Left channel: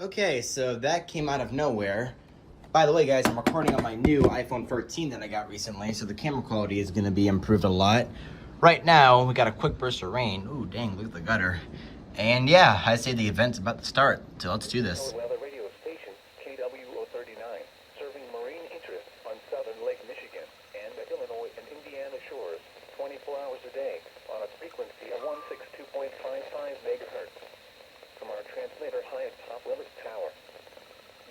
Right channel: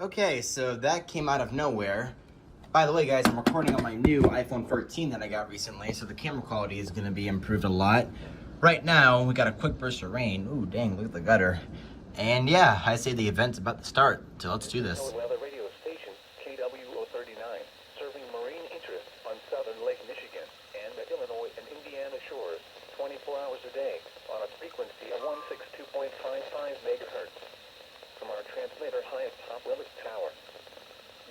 Okay, so that came out of nowhere. By the way, guys, I'm recording on my new iPhone 13 that I got recently, so the camera quality is going to be improved a lot. Right now, we got a quick burst of rain. Ooh, dang, look at the gutter. And yeah, I say the event's about to start, so let's do this. NOAA Weather Radio station, KW039, serving marine interests on southern Lake Michigan and Illinois and Indiana shores 24 hours a day on a frequency of 162.55 megahertz. From our transmitter high atop Willis Tower.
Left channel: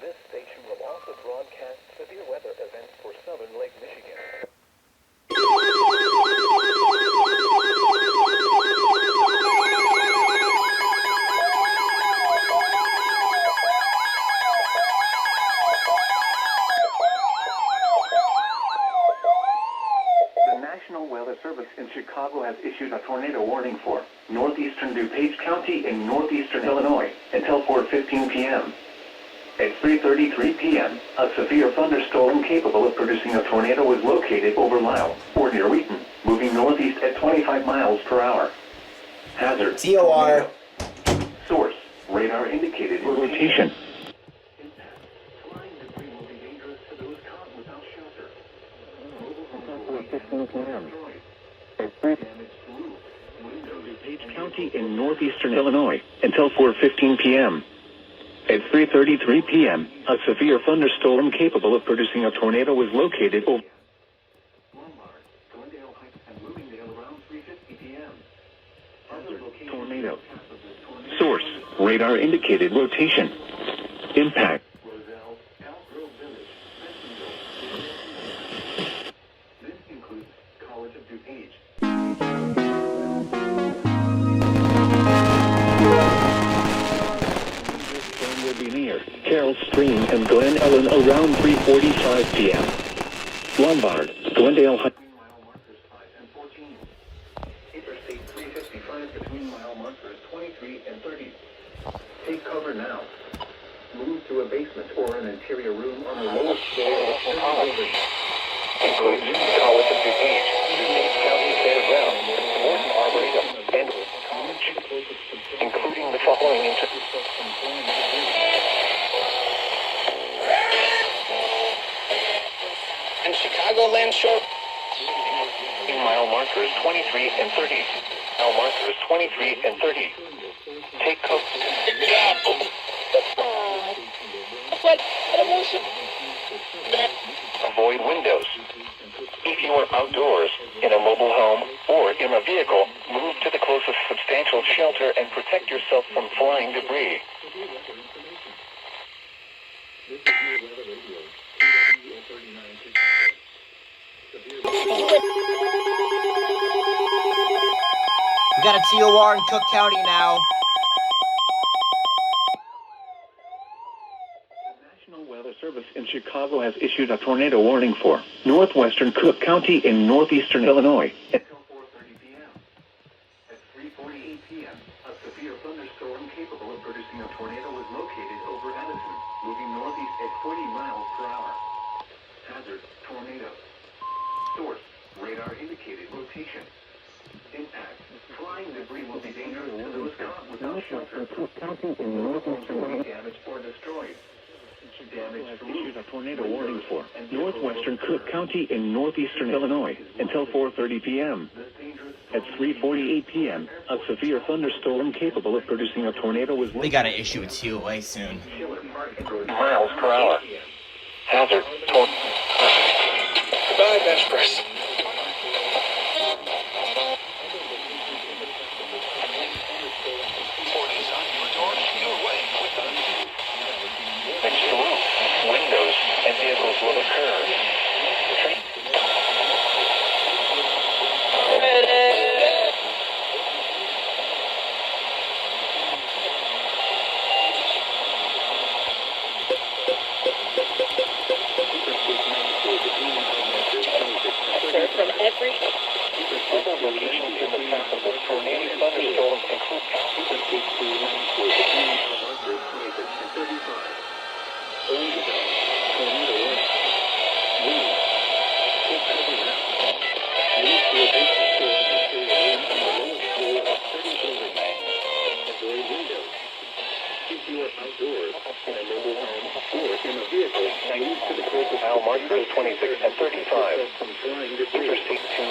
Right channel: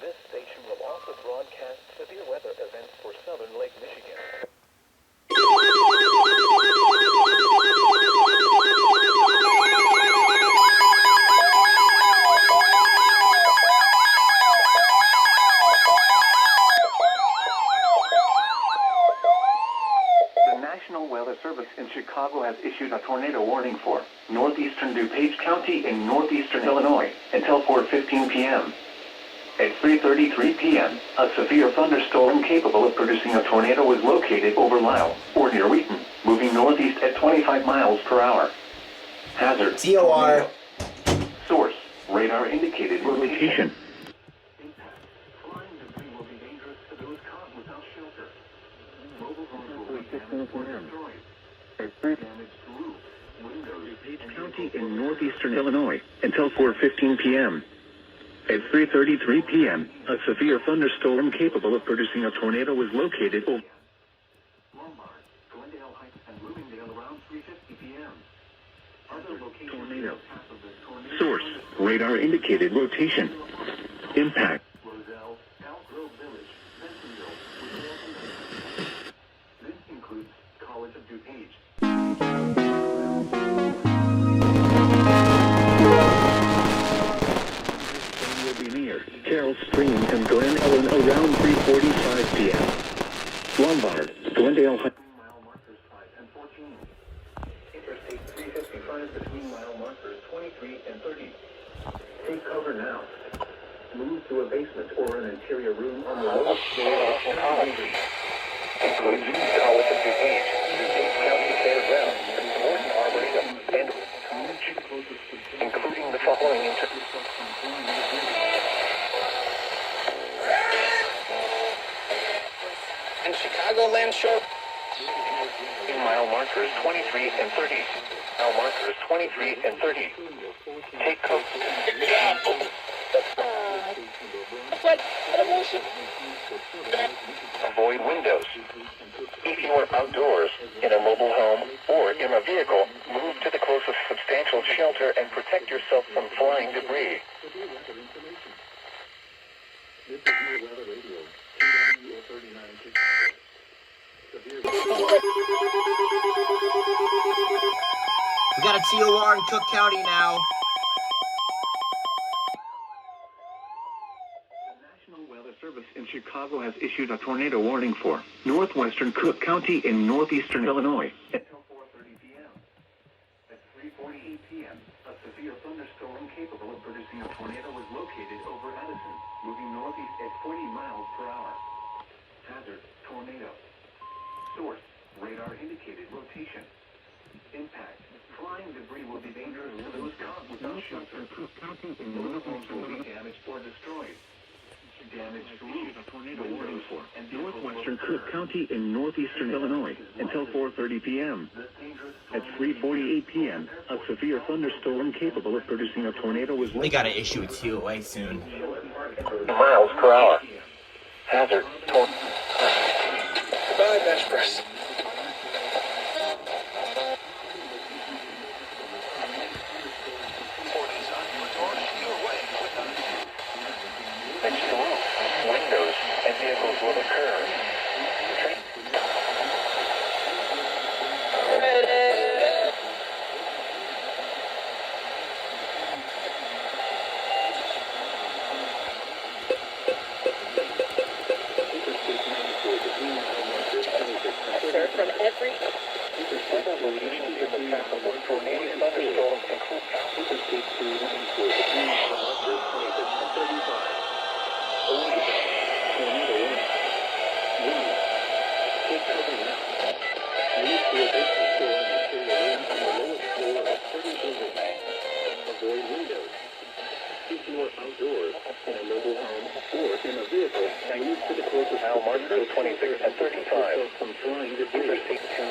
This station will also broadcast severe weather events for southern Lake Michigan. The National Weather Service in Chicago has issued a tornado warning for northeastern DuPage County in northeastern Illinois until 4:15 p.m. At 3:33 p.m., a severe thunderstorm capable of producing a tornado was located over Lisle or near Wheaton, moving northeast at 25 miles per hour. Hazard: TOR. Source: radar indicated rotation. Flying debris will be dangerous to those caught without shelter. Mobile homes will be destroyed. Damaged roof, windows. DuPage County in northeastern Illinois until 4:15 p.m. At 3:33 p.m., a severe thunderstorm capable of producing a tornado was located over Lombard, Glendale Heights, and Bloomingdale around 3:50 p.m. Other locations tornado. Source: radar indicated rotation. Impact: Roselle, Elk Grove Village, Bentonville. This includes College of DuPage. Will be near Carroll Stream and Glen Ellen around 3:45 p.m. Lombard, Glendale Heights. Mile markers 5 and 14. Interstate 355 between mile markers 23 and 30. Take cover now. Move to a basement or an interior room on the lowest floor of the building. Includes College of DuPage, DuPage County Fairgrounds, Morton Arboretum, and College, including the following and Chicagoland Shore. Mile markers 23 and 30. Mile markers 23 and 30. Take cover. Avoid windows. If you are outdoors, in a mobile home, or in a vehicle, move to the closest substantial shelter and protect yourself from flying debris. This is NOAA Weather Radios, KW039 Chicago. We got a TOR in Cook County now. The National Weather Service in Chicago. Chicago has issued a tornado warning for northwestern Cook County in northeastern Illinois until 4:30 p.m. At 3:48 p.m., a severe thunderstorm capable of producing a tornado was located over Edison, moving northeast at 40 miles per hour. Hazard, tornado. Source, radar indicated location. Impact, flying debris will be dangerous to those caught without shelter. Mobile homes will be damaged or destroyed. Damage to roofs, a tornado warning for northwestern Cook County in northeastern Illinois until 4:30 p.m. At 3:48 p.m., a severe thunderstorm capable of producing a tornado was... They gotta issue it to you way soon. Miles per hour. Hazard, tornado. Goodbye, Vespers. Next to roof, windows, and vehicles will occur. From every Other locations in the path of this tornado thunderstorm include now markers 26 and 35. Interstate 2.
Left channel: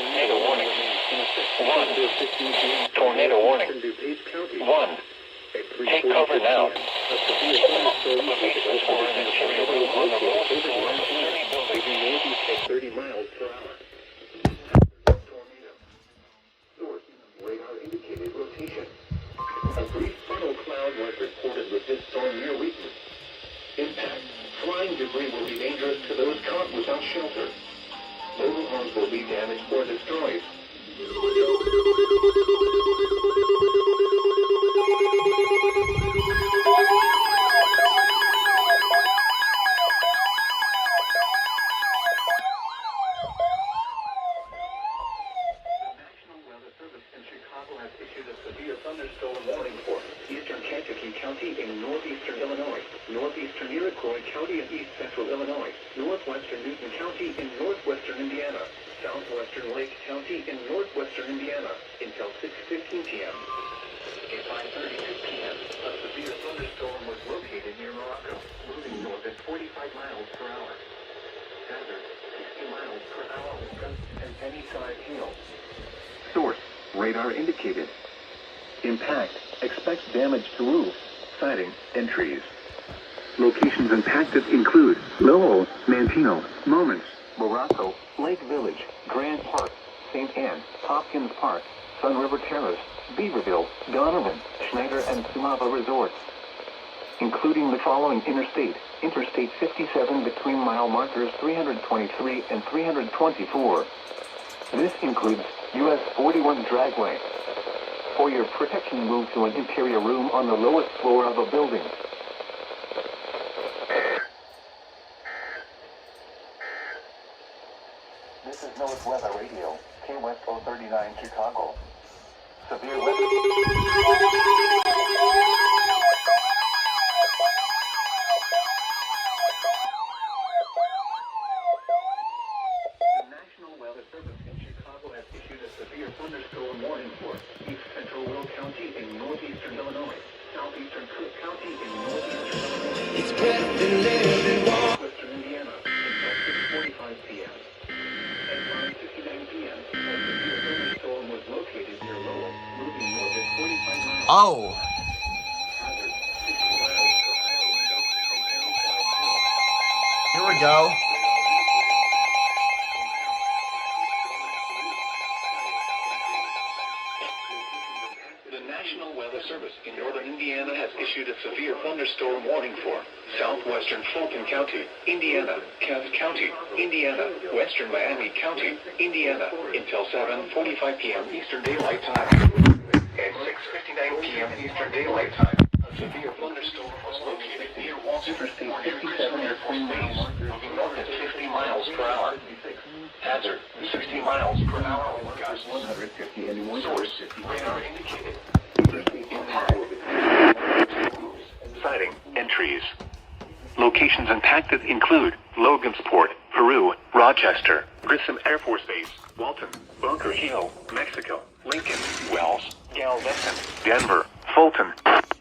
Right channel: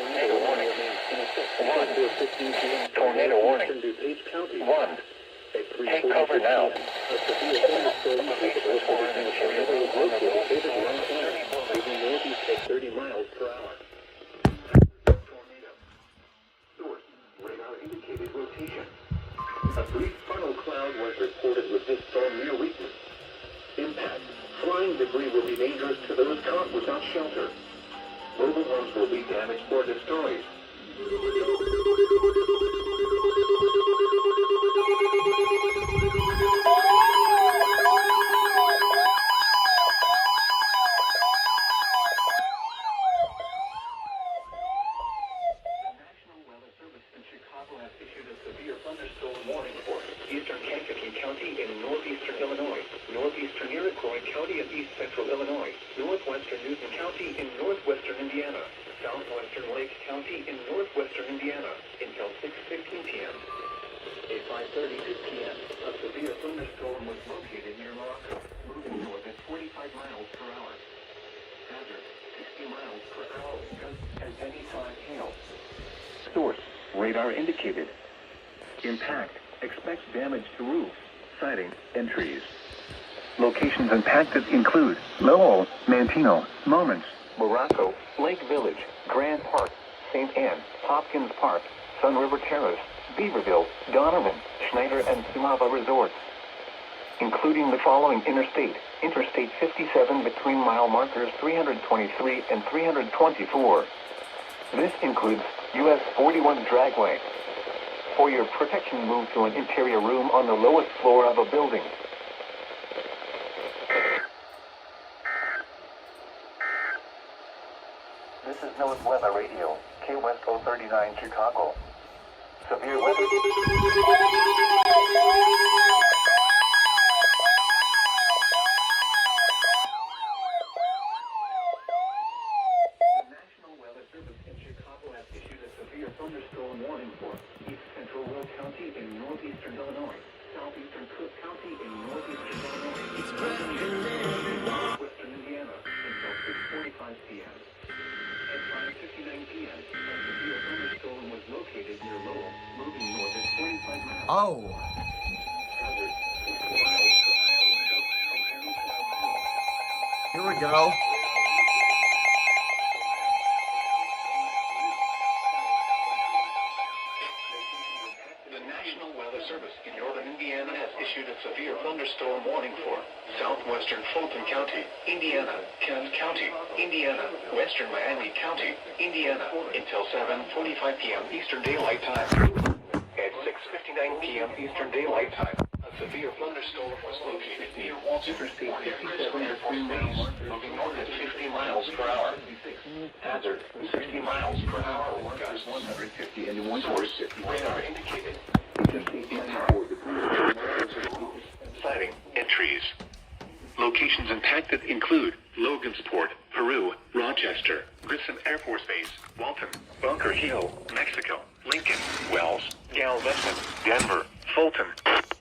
Tornado warning. 1. Tornado warning. 1. Take cover now. Locations for an interior room on the lowest floor of 30 miles per hour. Source, radar indicated location. A brief funnel cloud was reported with this storm near weakness. Impact, flying debris will be dangerous to those caught without shelter. Mobile homes will be damaged or destroyed. Source, radar indicated. Impact, expects damage to roofs, siding, and trees. Locations impacted include Lowell, Mantino, Moments, Morocco, Lake Village, Grant Park, St. Anne, Hopkins Park, Sun River Terrace, Beaverville, Donovan, Schneider, and Sumava Resorts, including the following Interstate 57 between mile markers 323 and 324. This includes US 41 Dragway. For your protection, move to an interior room on the lowest floor of a building. This is NOAA Weather Radio, KWESCO 39 Chicago. Severe weather. Thunderstorm warning for East Central Will County in northeastern Illinois, southeastern Cook County in northeastern Illinois, western Indiana until 6:45 p.m. At 5:59 p.m., a severe thunderstorm was located near Lowell, moving north at 45 miles. Oh. Hazard, 60 miles per hour wind up from Downside Hill. Here we go. National Weather Service in northern Indiana has issued a severe thunderstorm warning for southwestern Fulton County, Indiana, Kent County, Indiana, western Miami County, Indiana, until 7:45 p.m. Eastern Daylight Time. At 6:59 p.m. Eastern Daylight Time. A severe thunderstorm was located near Interstate 57 between Mays, moving north at 50 miles per hour. Hazard, 60 miles per hour, gusts 150 and source, radar indicated. Sighting and trees. Locations impacted include Logansport, Peru, Rochester, Grissom Air Force Base, Walton, Bunker Hill, Mexico, Lincoln, Wells, Galveston, Denver, Fulton.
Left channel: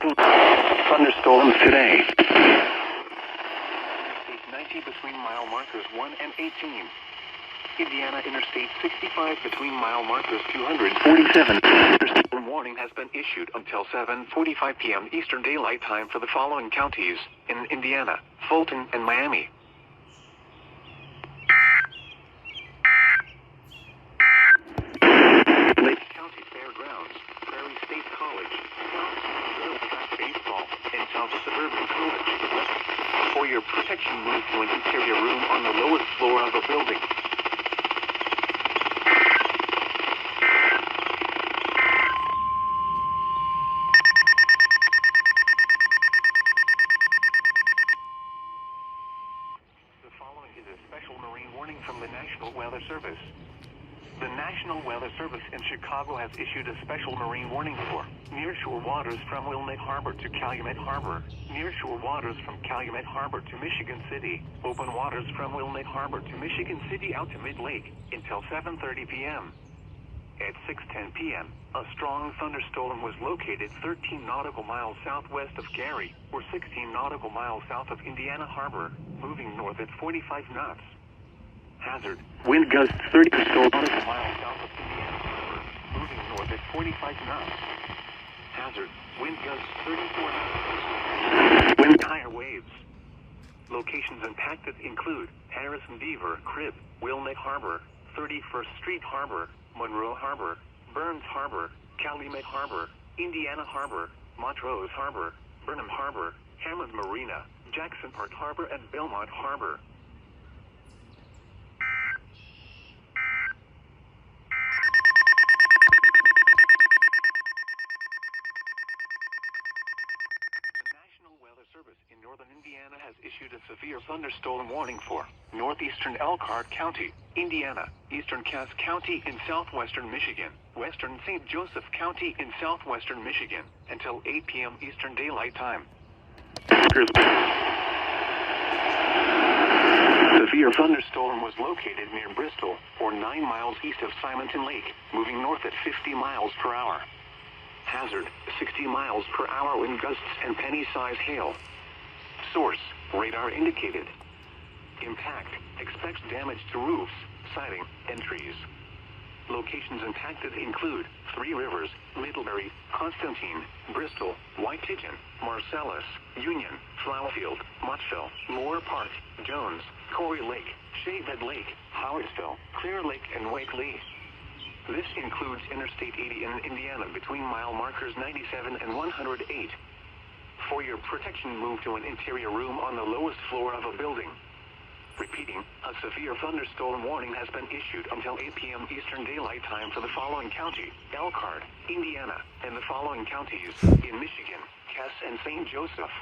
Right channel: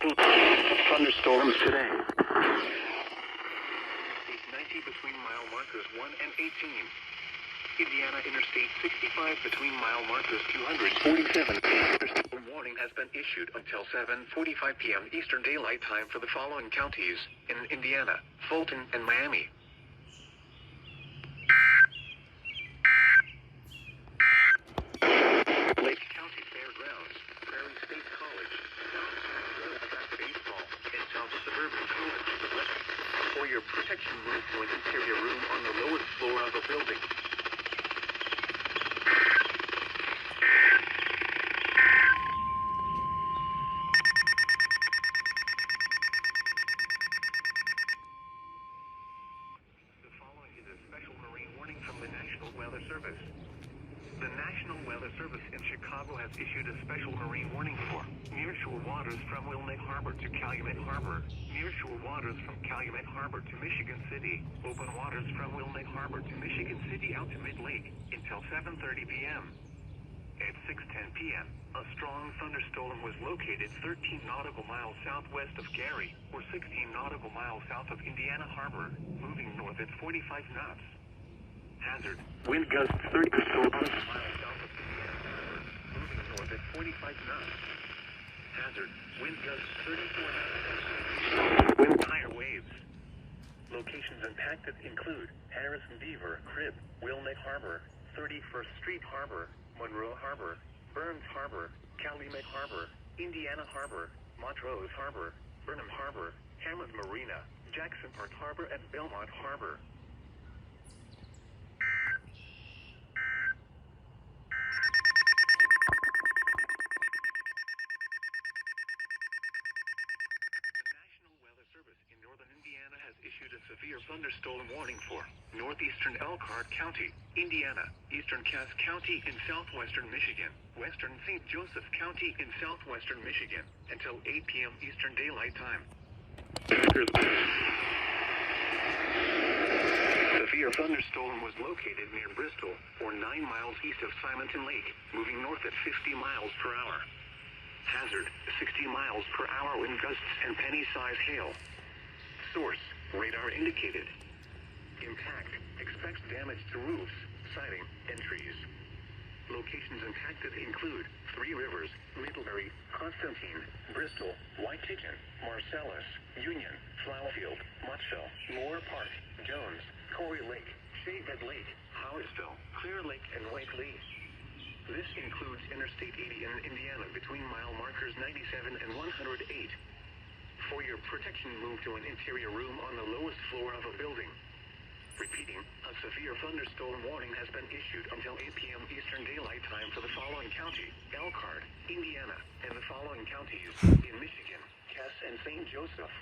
Thunderstorms today. 90 between mile markers 1 and 18. Indiana Interstate 65 between mile markers 247. Thunderstorm warning has been issued until 7:45 p.m. Eastern Daylight Time for the following counties in Indiana: Fulton and Miami. Lake County Fairgrounds, Prairie State College, South Baseball, and South Suburban College. For your protection, move to an interior room on the lowest floor of a building. The following is a special marine warning from the National Weather Service. The National Weather Service in Chicago has issued a special marine warning for nearshore waters from Wilmette Harbor to Calumet Harbor, nearshore waters from Calumet Harbor to Michigan City, open waters from Wilmette Harbor to Michigan City out to Mid-Lake until 7:30 p.m. At 6:10 p.m., a strong thunderstorm was located 13 nautical miles southwest of Gary, or 16 nautical miles south of Indiana Harbor, moving north at 45 knots. Hazard, wind gusts 30 nautical miles south of Indiana Harbor, moving north at 45 knots. Hazard, wind gusts 34 knots. Wind higher waves. Locations impacted include Harrison Beaver, Crib, Wilmette Harbor, 31st Street Harbor, Monroe Harbor, Burns Harbor, Calumet Harbor, Indiana Harbor, Montrose Harbor, Burnham Harbor, Hammond Marina, Jackson Park Harbor, and Belmont Harbor. Service in northern Indiana has issued a severe thunderstorm warning for northeastern Elkhart County, Indiana, eastern Cass County in southwestern Michigan, western St. Joseph County in southwestern Michigan, until 8 p.m. Eastern Daylight Time. Severe thunderstorm was located near Bristol, or 9 miles east of Simonton Lake, moving north at 50 miles per hour. Hazard, 60 miles per hour wind gusts and penny-size hail. Source, radar indicated. Impact, expects damage to roofs, siding, and trees. Locations impacted include Three Rivers, Middlebury, Constantine, Bristol, White Pigeon, Marcellus, Union, Flowerfield, Mottville, Moore Park, Jones, Corey Lake, Shavehead Lake, Howardsville, Clear Lake, and Wake Lee. This includes Interstate 80 in Indiana between mile markers 97 and 108. For your protection, move to an interior room on the lowest floor of a building. Repeating, a severe thunderstorm warning has been issued until 8 p.m. Eastern Daylight Time for the following county: Elkhart, Indiana, and the following counties in Michigan: Cass and St. Joseph.